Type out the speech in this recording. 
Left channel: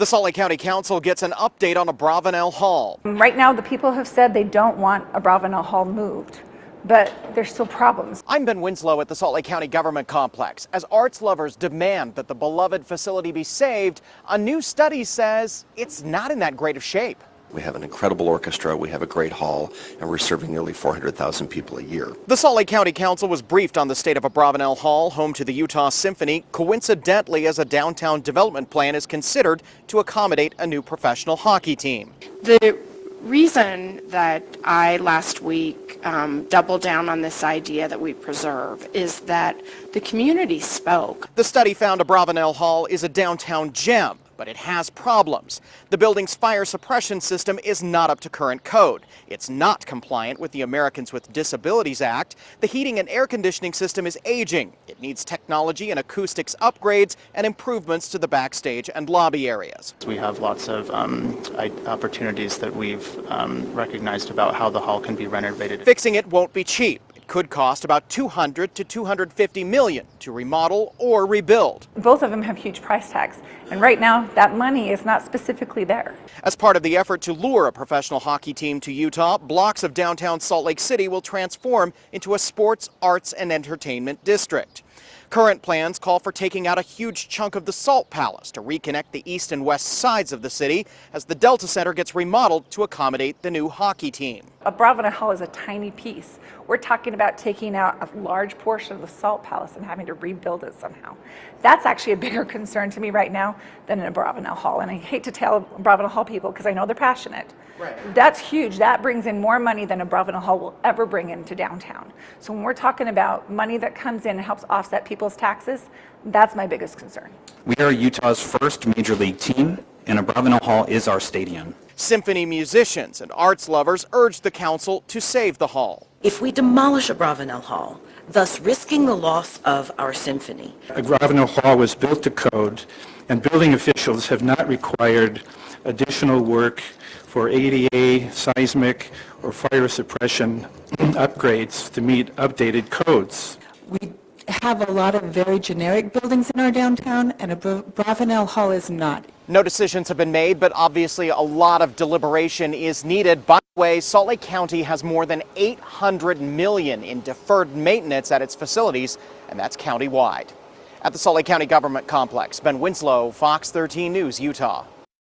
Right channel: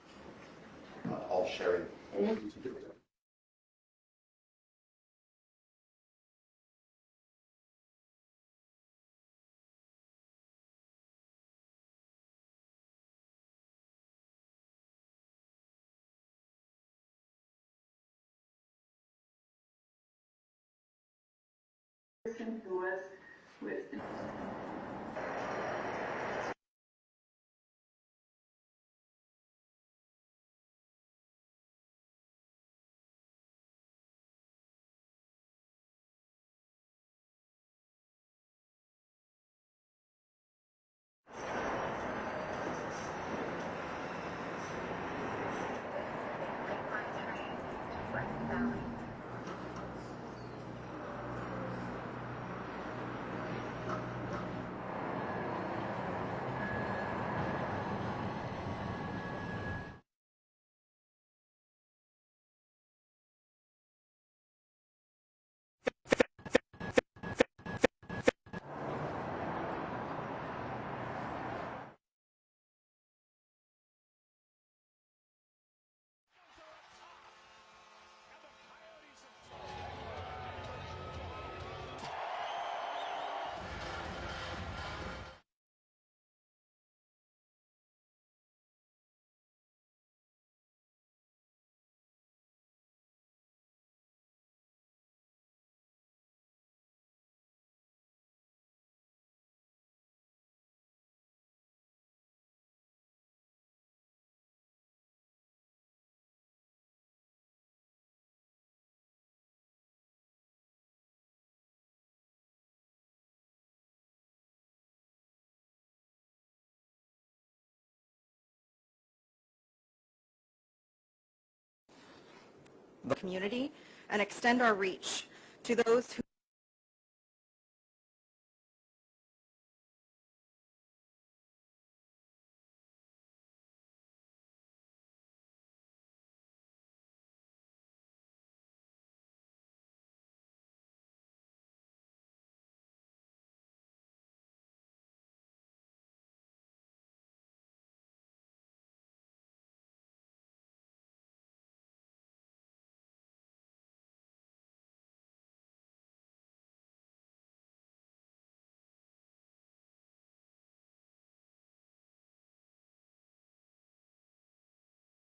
The Salt Lake County Council gets an update on Abravanel Hall. Right now, the people have said they don't want Abravanel Hall moved, but there's still problems. I'm Ben Winslow at the Salt Lake County Government Complex. As arts lovers demand that the beloved facility be saved, a new study says it's not in that great of shape. We have an incredible orchestra, we have a great hall, and we're serving nearly 400,000 people a year. The Salt Lake County Council was briefed on the state of Abravanel Hall, home to the Utah Symphony, coincidentally as a downtown development plan is considered to accommodate a new professional hockey team. The reason that I last week doubled down on this idea that we preserve is that the community spoke. The study found Abravanel Hall is a downtown gem, but it has problems. The building's fire suppression system is not up to current code. It's not compliant with the Americans with Disabilities Act. The heating and air conditioning system is aging. It needs technology and acoustics upgrades and improvements to the backstage and lobby areas. We have lots of opportunities that we've recognized about how the hall can be renovated. Fixing it won't be cheap. It could cost about $200 to $250 million to remodel or rebuild. Both of them have huge price tags, and right now that money is not specifically there. As part of the effort to lure a professional hockey team to Utah, blocks of downtown Salt Lake City will transform into a sports, arts, and entertainment district. Current plans call for taking out a huge chunk of the Salt Palace to reconnect the east and west sides of the city as the Delta Center gets remodeled to accommodate the new hockey team. Abravanel Hall is a tiny piece. We're talking about taking out a large portion of the Salt Palace and having to rebuild it somehow. That's actually a bigger concern to me right now than an Abravanel Hall. And I hate to tell Abravanel Hall people because I know they're passionate. Right. That's huge. That brings in more money than Abravanel Hall will ever bring into downtown. So when we're talking about money that comes in and helps offset people's taxes, that's my biggest concern. We are Utah's first major league team, and Abravanel Hall is our stadium. Symphony musicians and arts lovers urge the council to save the hall. If we demolish Abravanel Hall, thus risking the loss of our symphony. Abravanel Hall was built to code, and building officials have not required additional work for ADA, seismic, or fire suppression upgrades to meet updated codes. We have a lot of very generic buildings in our downtown, and Abravanel Hall is not. No decisions have been made, but obviously a lot of deliberation is needed. By the way, Salt Lake County has more than $800 million in deferred maintenance at its facilities, and that's countywide. At the Salt Lake County Government Complex, Ben Winslow, Fox 13 News, Utah.